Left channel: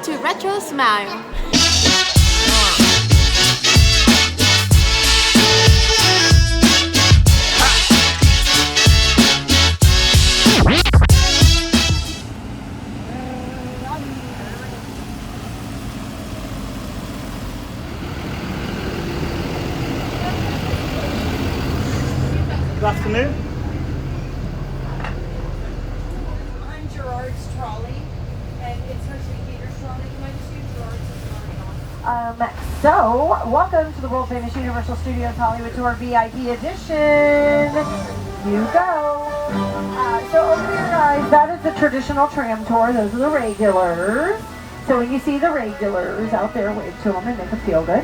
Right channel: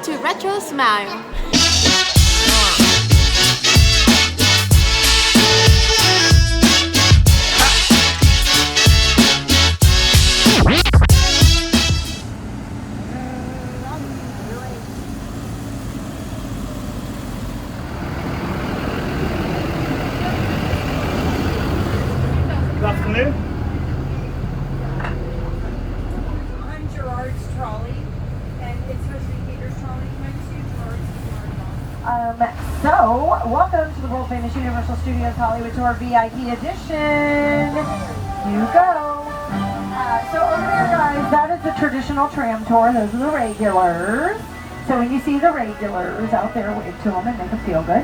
Welcome to Retrosmile. Good afternoon. So, welcome to the world famous Universal Studios Hollywood Tour V.I.P edition. You go. So over here, guys, that is the traditional tram tour. Those are the regulars. So when you see the regulars out there, wave to them and make them feel good.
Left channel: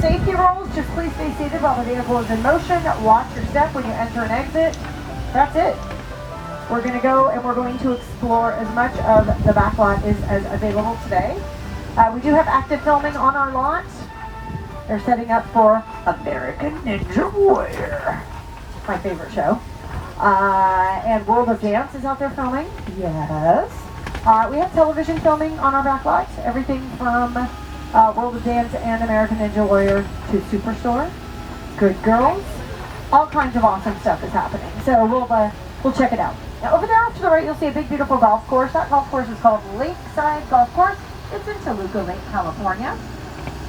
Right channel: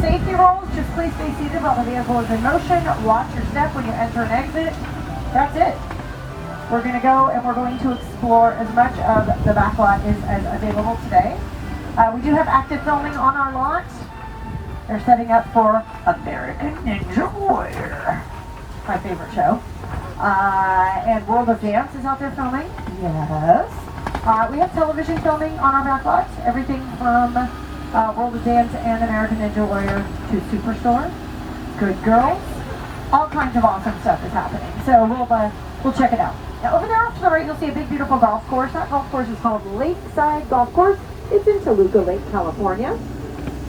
Safety rules, just please stay seated while the vehicle is in motion. Watch your step when you enter and exit. That's it. We're going to go and we're going to explore as much of the back lot as available today. We do have active filming on our lot. They're setting up for American Ninja Warrior, my favorite show. And World of Dance is out there filming. Yes. We have television filming on our back lot. Everything from World of Dance and American Ninja Warrior to Superstore, Good Girls. All kinds of awesome stuff is happening. So we'll check it out. Now over there off to the right, you'll see a big, beautiful golf course. That golf course is called Lakeside Golf Course. It's in Toluca Lake, California.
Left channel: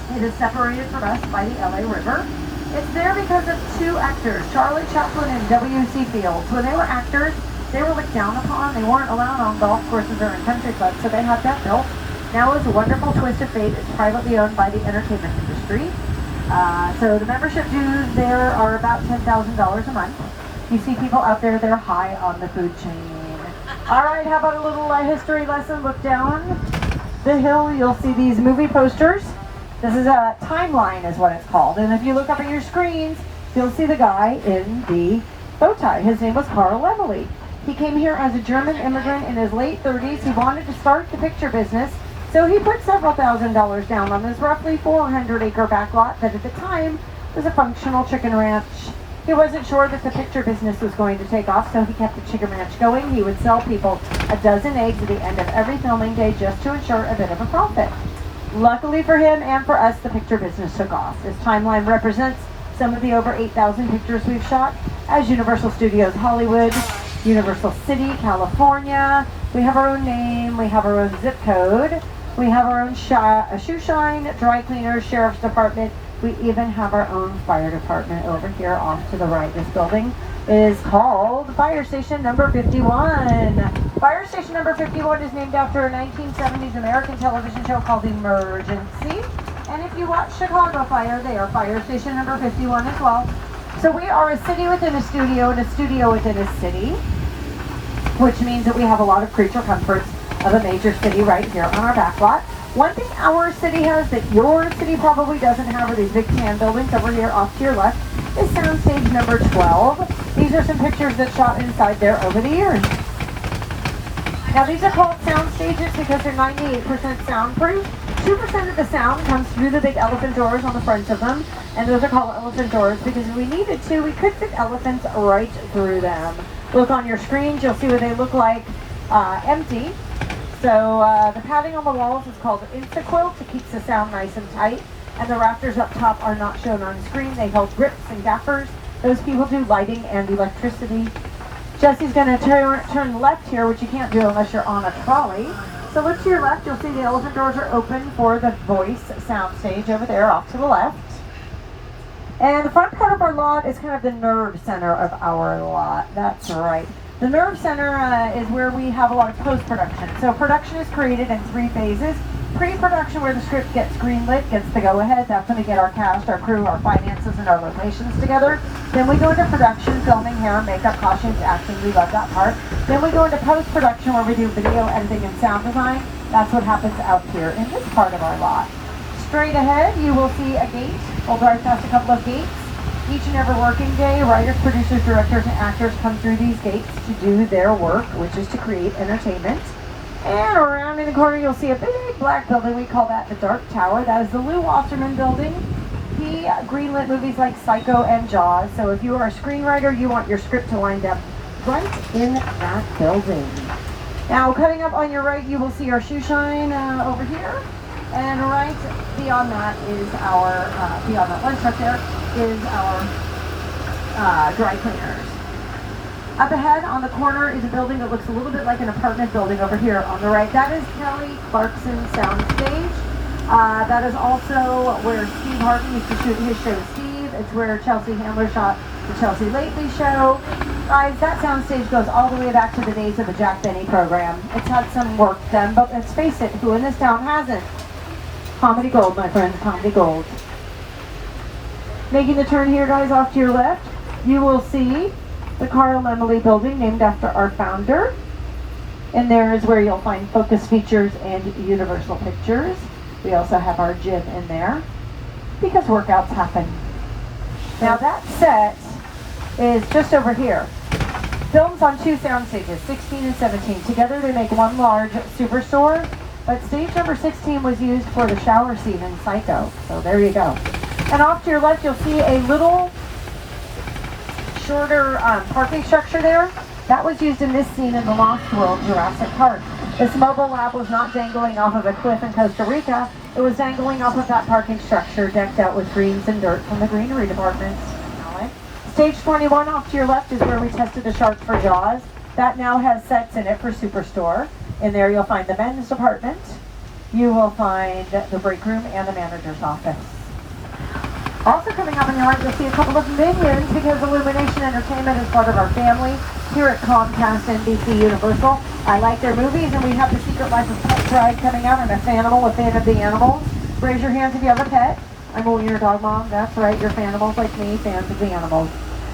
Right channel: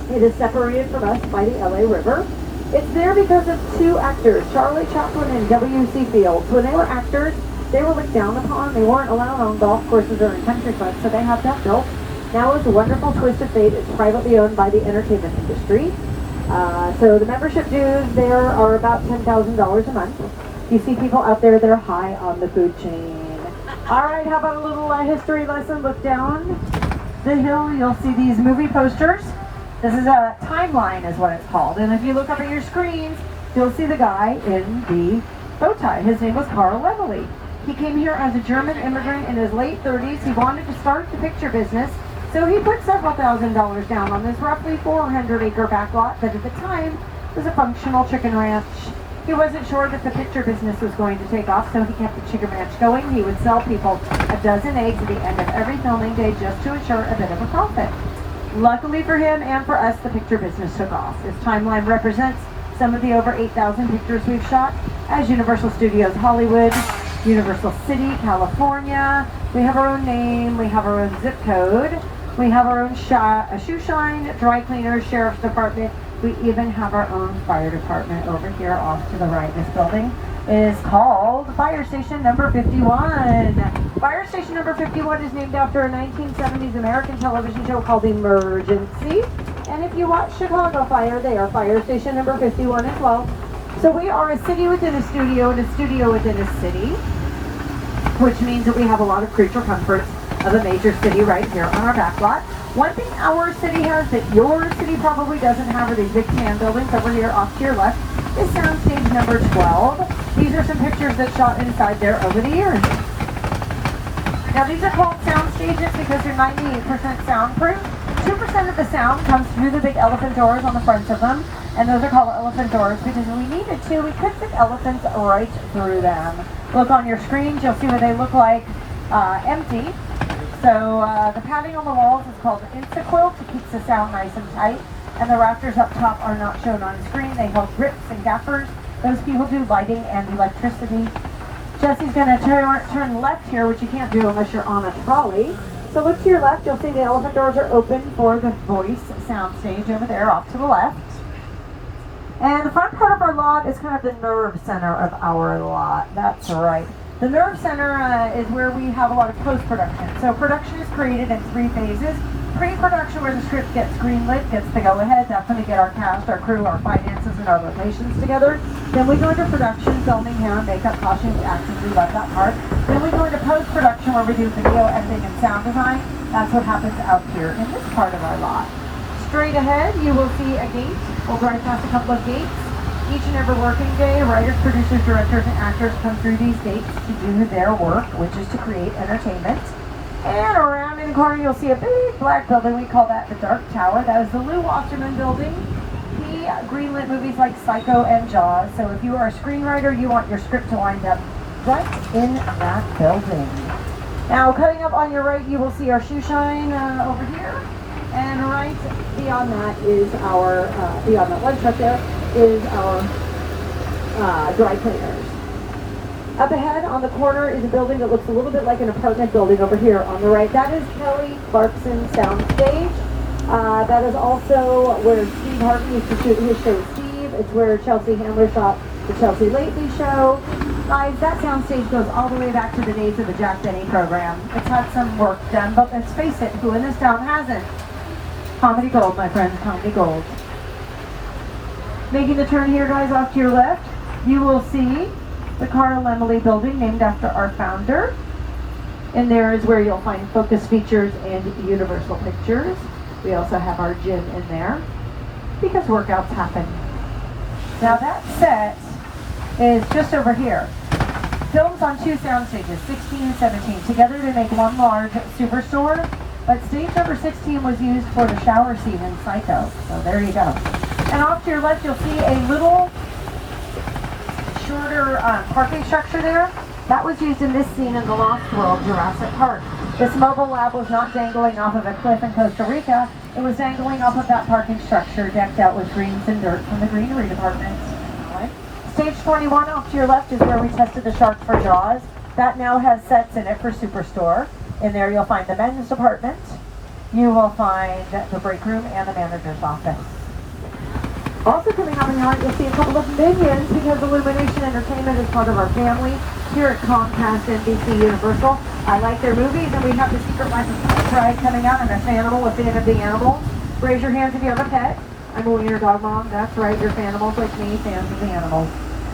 It is separated from us by the LA River. It's there because of two actors, Charlie Chaplin and W.C. Fields. When they were actors, they were looked down upon. They weren't allowed on golf courses or in country clubs, so they had that built. Now it's a wonderful twist of fate. It's privately owned by the entertainment industry. So the membership dues there are about $10,000 a month. You see people out there, they're high on the food chain. All right, how about a little history lesson? Look down the hill, you'll see these movie posters. This is a timeline is what it's called. And if you look up at your screens, you'll see the guy in the bow tie. His name was Carl Levely. He came here as a German immigrant in his late 30s. He wanted to start the picture business, so he put several $1,000s down on this roughly 400-acre backlot that at the time was a functional chicken ranch. He wasn't sure that the picture business was going to take off, so he kept the chicken ranch going. He would sell people a dozen eggs at the end of every filming day just to ensure a bit of a profit. Luckily for him and for us, the picture business took off. This timeline represents some of the over 8,000 pictures we've shot as Universal Studios Hollywood, Universal City, California. We have our own name, we have our own zip code, we have our own shoe shine, dry cleaners, sheriff's department. We even have our own fire department over here off to the right. This building is called Fire Station Number 51. Fire Station Number 51 is named after a 1970s American television show called Emergency. And if you watch Chicago Fire, they are Fire Station Number 51 as well. So we are a city within a studio and a studio within a city, which means that we have a lot of creature comforts of a major city right here on our back lot. One thing our city has that your city probably doesn't have are these big tan buildings over here off to your left is soundstage number 12. These are some pictures that shot inside there over the years. Now these are called sound stages because they're 98% soundproof. 2% of the sound comes through the big elephant doors on the front of them, and those are called elephant doors because if we needed to, we could fit elephants right through them. Look on your screens, you'll see what they look like empty. So the padding on the walls is called Instaquilt. It keeps the sound nice and tight. And the rafters up top are not shown on screen. They hold grips and gaffers. Those people do lighting and electricity. Jesse's going to turn left here, which you can't do unless you're on a trolley. So look to your left. You'll see the elephant doors are open for the voice sound stage over there off to the left. And the front part of our lot is kind of the nerve center of our lot. That's right. The nerve center is where we have a lot of post-production. So production is created in 3 phases. Pre-production, where the script gets greenlit, gets the go-ahead. That's going to get our cast, our crew, our finances, and our locations together. Then we go into production, filming, hair, makeup, costumes, acting. We love that part. Then we go into post-production, where we do video editing and sound design. That's what happens out here in this part of our lot. Straight ahead, you will see a gate. We'll drive past a couple of gates. Each and every working day, writers, producers, directors, and actors come through these gates to do their work, which is to create entertainment. And around in the corner, you'll see a big black building. We call that the Dark Tower. That is the Lou Wasserman building. He greenlit movies like Psycho and Jaws. So if you are a screenwriter, you want your script to wind up right in that building. Now, cutting up on your right, you will see our shoe shine over here. And right beyond that is our, beyond that lunch truck there, is our dry cleaners. Up ahead on the corner is a building that looks a little bit like an apartment building over here on the right. That is Kelly Clarkson Soundstage. That is also where Steve Harvey used to shoot his show Steve. It's where Chelsea Handler shot the Chelsea Lately show. Guys, that soundstage goes all the way back to the days of the Jack Benny program. It's had some work done, but let's face it, who in this town hasn't? Comedy gold, my friends, comedy gold. Making the turn here, guys, off to your left, you will see the Carl Emily building, named after our founder. And there is where you'll find Focus Features and Universal Pictures. We also have our gym in there, because workouts happen. Now that set is just over here. Films on two sound stages, 16 and 17. Together they make one large superstore, but stage number 16 was used for the shower scene in Psycho. So there you go. And off to your left, you'll see a little shorter parking structure there. That was used in this scene in the Lost World, Jurassic Park. This mobile lab was not dangling off of a cliff in Costa Rica. It was dangling off of that parking structure, decked out with greens and dirt from the greenery department. Stage 21 off to your left is where we tested the shark for Jaws. That now has sets in it for Superstore. In there you'll find the men's department. You will find the break room and the manager's office. Also coming up on your right, you'll see a couple of Minions, because Illumination Entertainment is part of our family here at Comcast NBC Universal. I like their movies, and we have The Secret Life of Pet Pride coming out, and a Fanimal, a fan of the animals. Raise your hand if you have a pet. I'm a wiener dog mom. That's right, you're Fanimals like me, fans of the animals.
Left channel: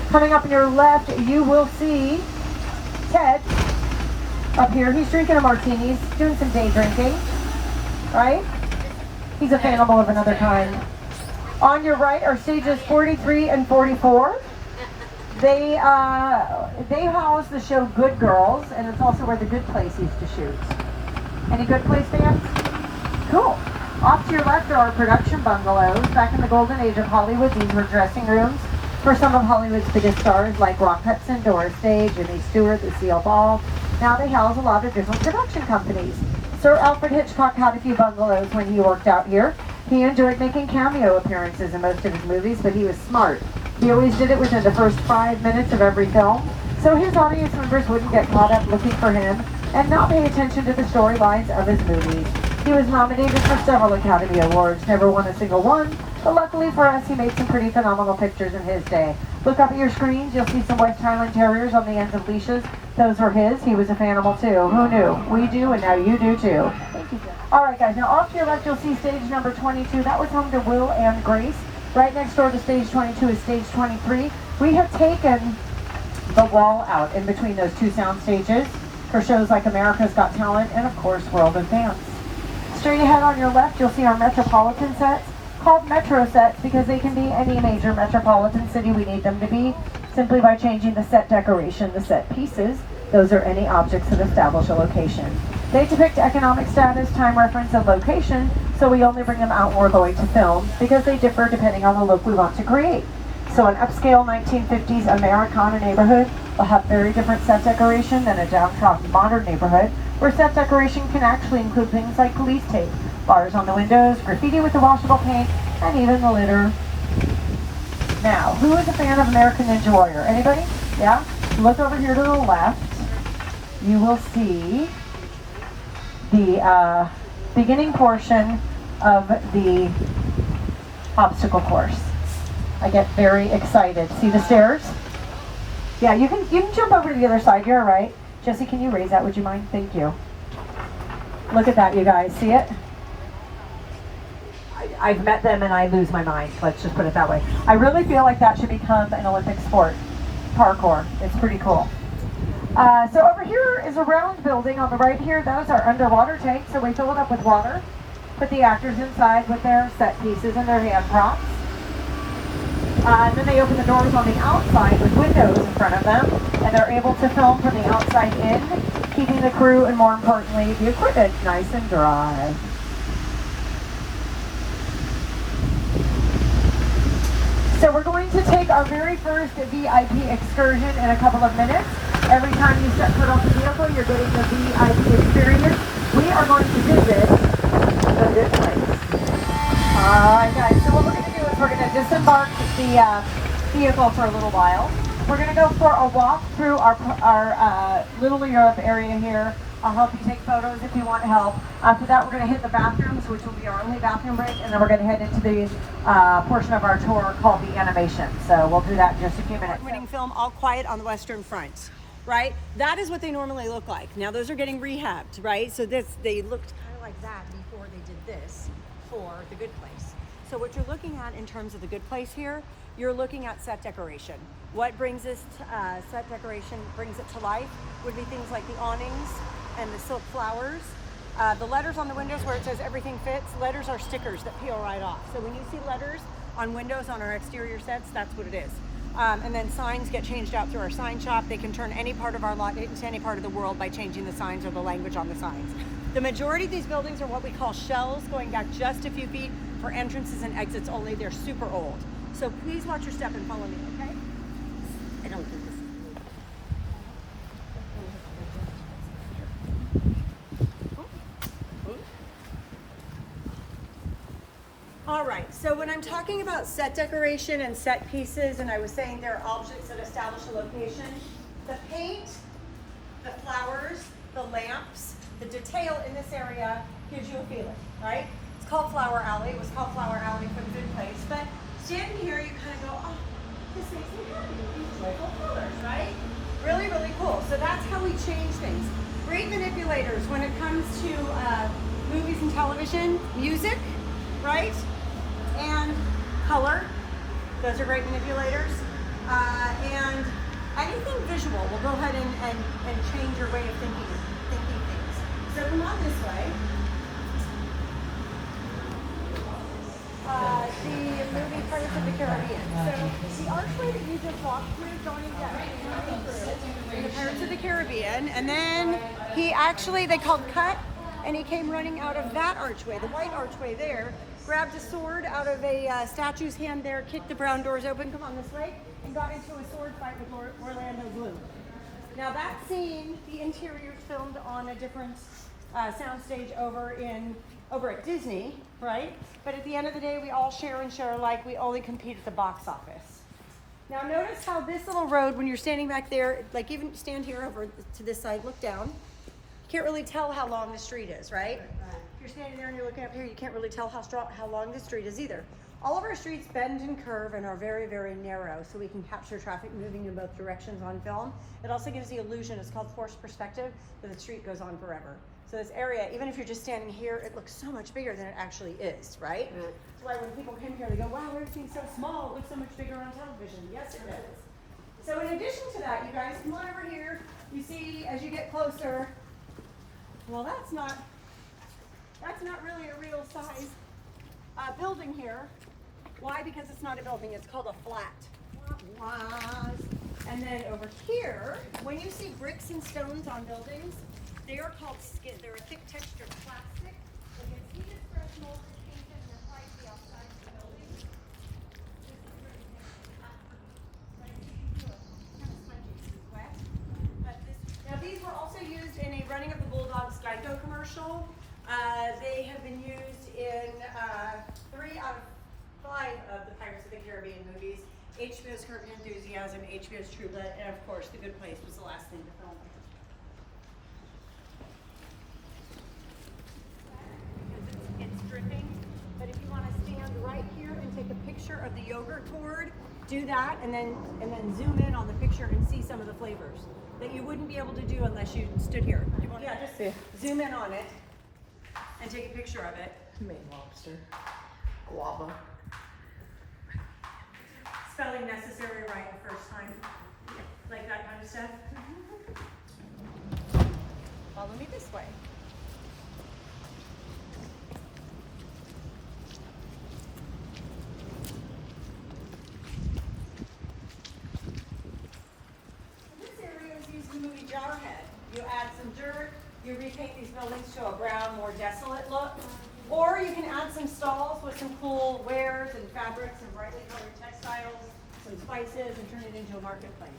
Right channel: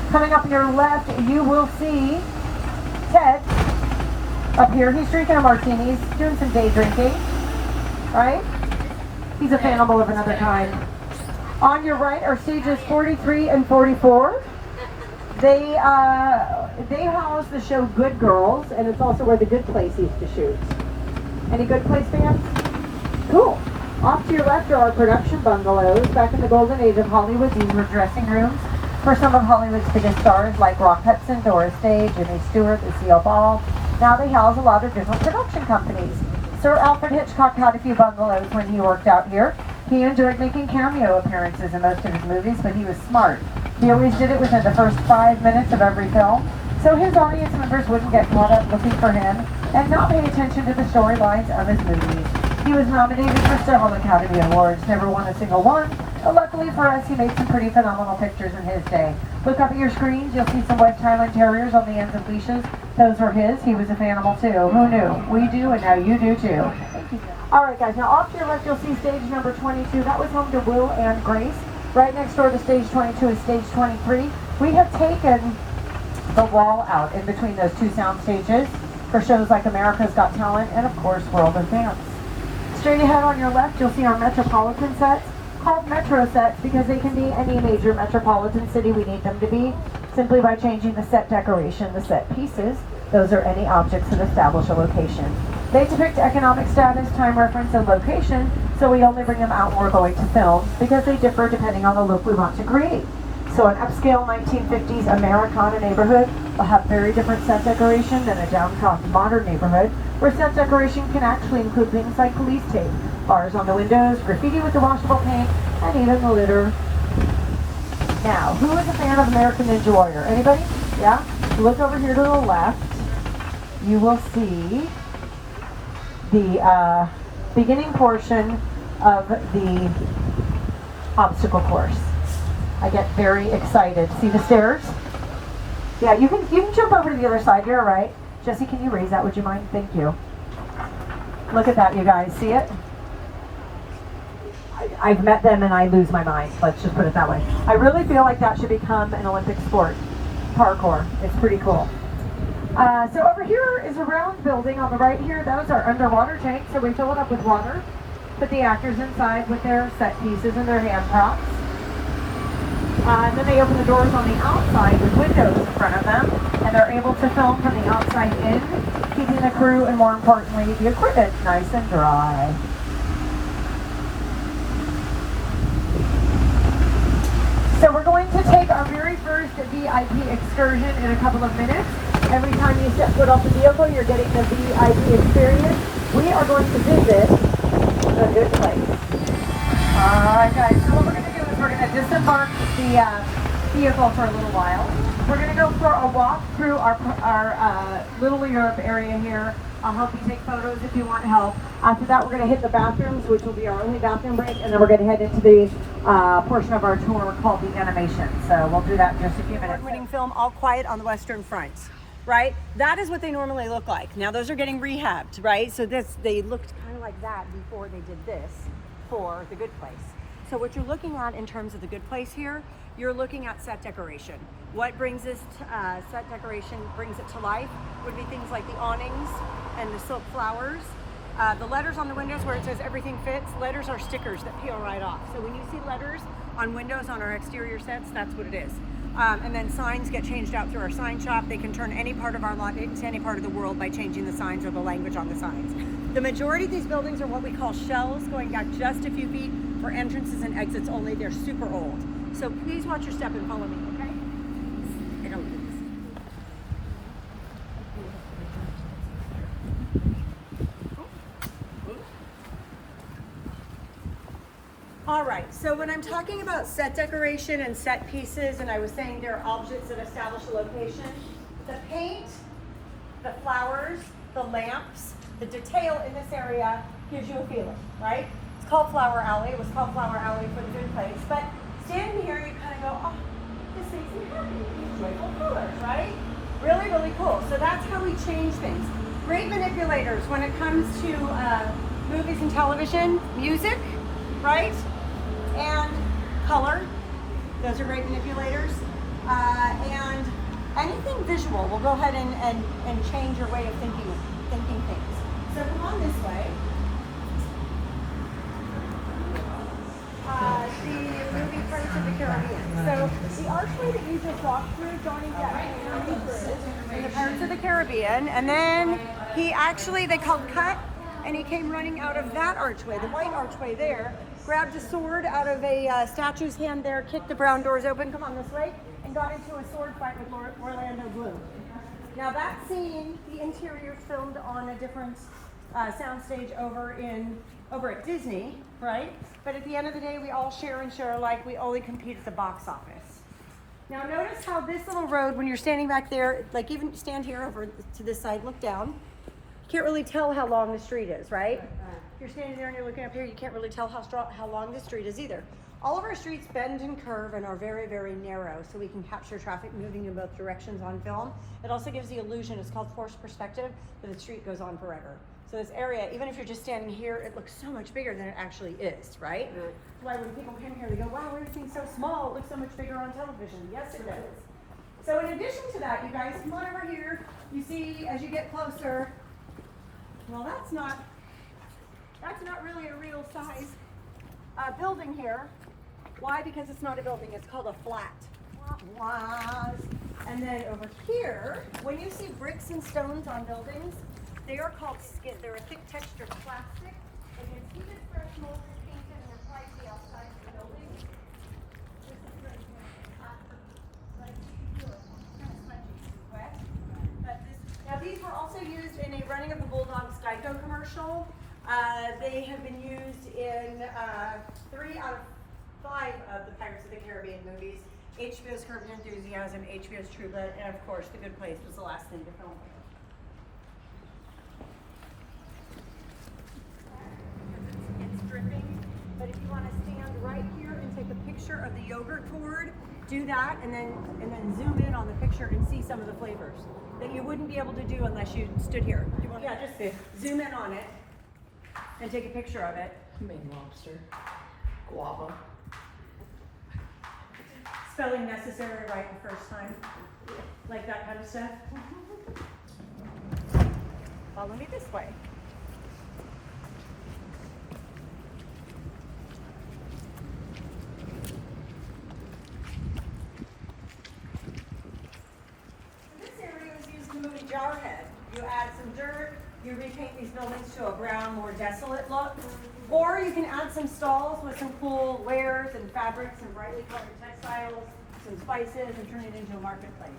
Coming up on your left, you will see Ted up here. He's drinking a martini. He's doing some day drinking, right? He's a Fanimal of another kind. On your right are stages 43 and 44. They house the show Good Girls, and it's also where The Good Place used to shoot. Any Good Place fans? Cool. Off to your left are our production bungalows. Back in the golden age of Hollywood, these were dressing rooms for some of Hollywood's biggest stars like Rock Hudson, Doris Day, Jimmy Stewart, Lucille Ball. Now they house a lot of different production companies. Sir Alfred Hitchcock had a few bungalows when he worked out here. He enjoyed making cameo appearances in most of his movies, but he was smart. He always did it within the first 5 minutes of every film, so his audience members wouldn't get caught up looking for him and not pay attention to the storylines of his movies. He was nominated for several Academy Awards, never won a single one, but luckily for us, he made some pretty phenomenal pictures in his day. Look up at your screens, you'll see some West Highland Terriers on the ends of leashes. Those were his. He was a Fanimal too. Who knew? We do, and now you do too. Thank you, Jen. All right, guys, now off to your left, you'll see stage number 22. That was home to Will and Grace. Right next door to stage 22 is stage 23. We have taken the wall out in between those two sound stages for shows like America's Got Talent and, of course, World of Dance. Straight ahead on your left, you'll see our Metropolitan sets, called Metro sets because they can be any major metropolitan city we need them to be, simply by changing the set decoration, the set pieces. Those are any objects that establish a location. They depict economic status, time reference, and location, so we only bring them out when we're going to film because they differ depending on the look we want to create. So an upscale 1950s Americana neighborhood will have very different set decoration than a down south modern neighborhood, where set decoration can actually include things like police tape, bars on the windows, graffiti with the washable paint, and even the litter. Now, who is a fan of American Ninja Warrior? Anybody? Yeah? Look over here to the left. You will see the beginning portion of the obstacle course. I get very excited. See the stairs? Yeah, you can jump over to the other side. You're all right. Jesse, can you raise that? Would you mind? Thank you. Look at that, you guys. See it? I've met them and I lose my mind. Let's just put it that way. I really feel like that should become an Olympic sport. Parkour. It's pretty cool. So over here is a round building on the right here. Those are underwater tanks, so we fill it up with water. Put the actors inside with their set pieces and their hand props. And then they open the doors on the outside with windows in front of them, and they're able to film from the outside in, keeping the crew and, more importantly, the equipment nice and dry. So we're going to take our very first VIP excursion in a couple of minutes. Every time you set foot off the vehicle, you're getting the VIP experience. We are going to visit the good place. Alright guys, so what we're going to do is we're going to disembark the vehicle for a little while. We're going to go for a walk through our Little Europe area here. I'll help you take photos if you want help. After that, we're going to hit the bathrooms, which will be our only bathroom break, and then we're going to head into the portion of our tour called the animation. So we'll do that in just a few minutes. Winning film, All Quiet on the Western Front, right? That is what they normally look like. Now those are getting rehabbed, right? So they looked kind of like that before they did this for The Good Place. So what you're looking at in terms of The Good Place here, you're looking at set decoration. What brings this set decoration, brings it to life, would be things like the awnings and the silk flowers. The letters on the windows where it says everything fits, letters are stickers that peel right off. So when you see letters on windows on our exterior sets, that's what it is. And then signs get changed out through our sign shop. They can turn any part of our lot into any part of the world by changing the signs or the language on the signs. The majority of these buildings are what we call shells, going back just a few feet for entrances and exits only. They're super old. So please watch your step and follow me, okay? I don't think this is All right, so when I'm talking about set decoration and set pieces, and I was saying there are objects that establish a location, the paint, the flowers, the lamps, the detail in this area gives you a feeling, right? It's called Flower Alley. It was called Flower Alley for The Good Place. But standing here, you kind of go, oh, this makes me happy. These joyful colors, right? Really, really cool. So that's how we change things. Great manipulators when it comes to movies and television, music, right? And color, those are great manipulators. And anything visual will go ahead and change your way of thinking things. So come on this way. The movie Pirates of the Caribbean. So the archway that you just walked through going down the Pirates of the Caribbean, and then they called cut, and he came running out of that archway, the white archway there, grabbed a sword out of a statue's hand there, kicked the brown doors open, come on this way, and got into a sword fight with Orlando Bloom. Now that scene, the interior's filmed on a different soundstage over at Disney, right? But at the end of the day, we all share and share alike. We only compete at the box office. Now notice how this little road, when you're standing back there, like even stand here over to this side, look down, you can't really tell how long the street is, right? If you're standing there and you're looking up here, you can't really tell how long the street is either. All of our streets bend and curve and are very, very narrow, so we can capture traffic moving in both directions on film. It also gives the illusion, it's called forced perspective, that the street goes on forever. So this area, even if you're just standing here, it looks so much bigger than it actually is, right? That's why when people come here, they go, wow, everything's so small, it looks so much bigger on television. Yes, it does. So in addition to that, you guys, come on over here. You see, as you get closer, well, that's not really a real size building here. Why? Because it's not a building, it's called a flat. And then over here, when you see bricks and stones on buildings, they are called skid. They're a thick textured plastic. They get heated, fresh, molded, painted, and applied to the outside of the building. This is great. Now these were also used in a Running of the Bulldogs Geico commercial. They have been used in 3 out of 5 of the Pirates of the Caribbean movies. HBO's Curb Your Enthusiasm, HBO's True Blood, and of course The Good Place was the last thing to film here. It's dripping, but if you want to stand right here and take a picture of the yogurt gourd, do that, and then zoom in on the picture and see some of the flavors that you wouldn't be able to do unless you stood here. You want to just zoom in on it and take a picture of it. You made lobster. Guava. Spelling necessary right the first time. Like that kind of stuff. Follow me this way. This area is used in the movie Jarhead. You add some dirt, you repaint these buildings to a brown, more desolate look. Or you can add some stalls with some cool wares and fabrics and brightly colored textiles, some spices, and turn it into a marketplace.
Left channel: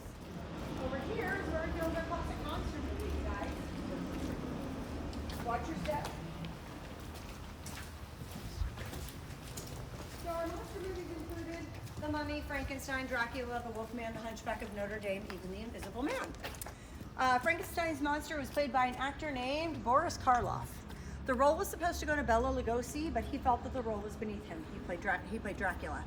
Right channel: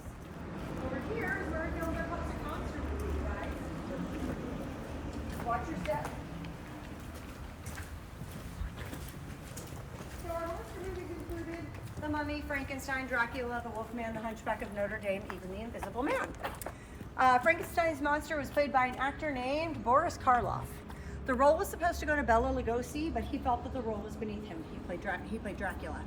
Over here is where we filmed our Celtic Monster movie, guys. Watch your step. So our monster movies included The Mummy, Frankenstein, Dracula, The Wolfman, The Hunchback of Notre Dame, even The Invisible Man. Frankenstein's monster was played by an actor named Boris Karloff. The role was supposed to go to Bela Lugosi, but he felt that the role was beneath him. He played Dracula.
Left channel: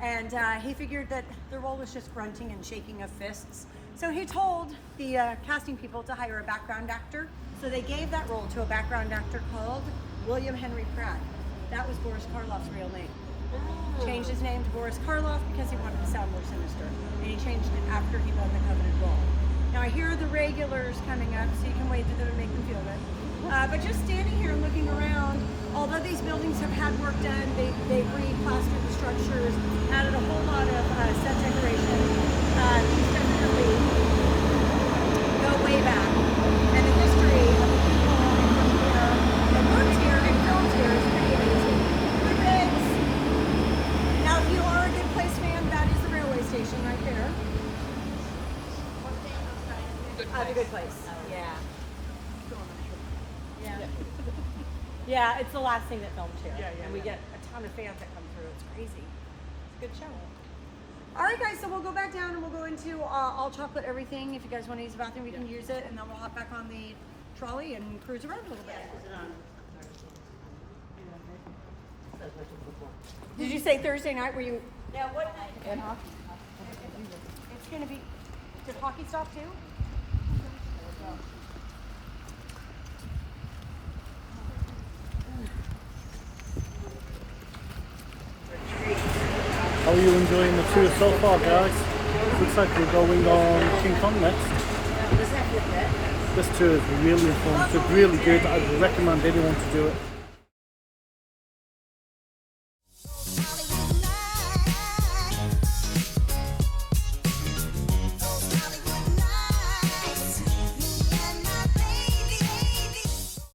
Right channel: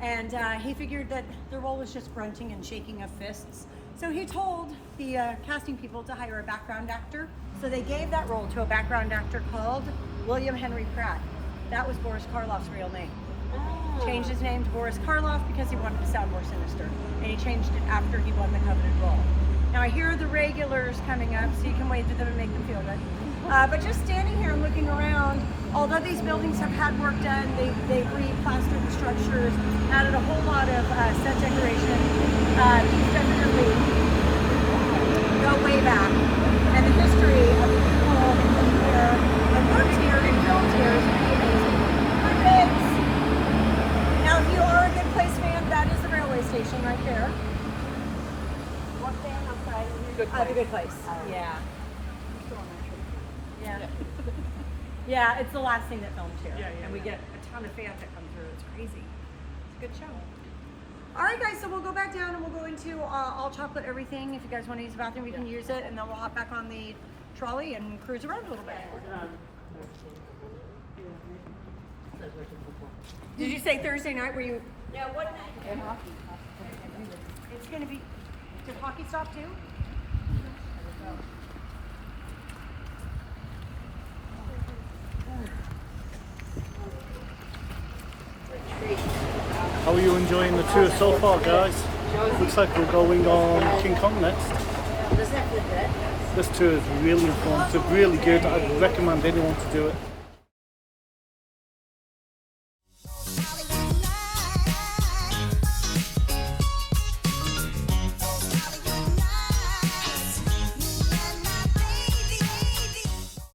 And he figured that the role was just grunting and shaking of fists. So he told the casting people to hire a background actor. So they gave that role to a background actor called William Henry Pratt. That was Boris Karloff's real name. Changed his name to Boris Karloff because he wanted to sound more sinister. And he changed it after he won the coveted role. Now I hear the regulars coming up, so you can wave to them and make them feel good. But just standing here and looking around, although these buildings have had work done, they've reclassified the structures, added a whole lot of set decoration. These definitely go way back. And the history of the people that worked here and built here is amazing. Now, if you are a Good Place fan, that is the railway station right there. What fan? I'm sorry. Good Place. The Good Place. Yeah. Yeah. Yeah, it's the last thing that filmed here. Yeah, yeah. And we get a ton of fans that come through. It's crazy. It's a good show. All right, guys, so we'll go back down and we'll go into all chocolate everything. If you guys want to use the bathroom, we can use it. And then we'll hop back on the trolley and cruise around a little bit. Did you say Thursday night? Were you? Yeah, what night? And hockey. It's going to be, does hockey stop too? How are you enjoying the tour so far, guys? Looks like we're going on King Kong next. This tour is really informative, really good. I'd recommend anyone to do it.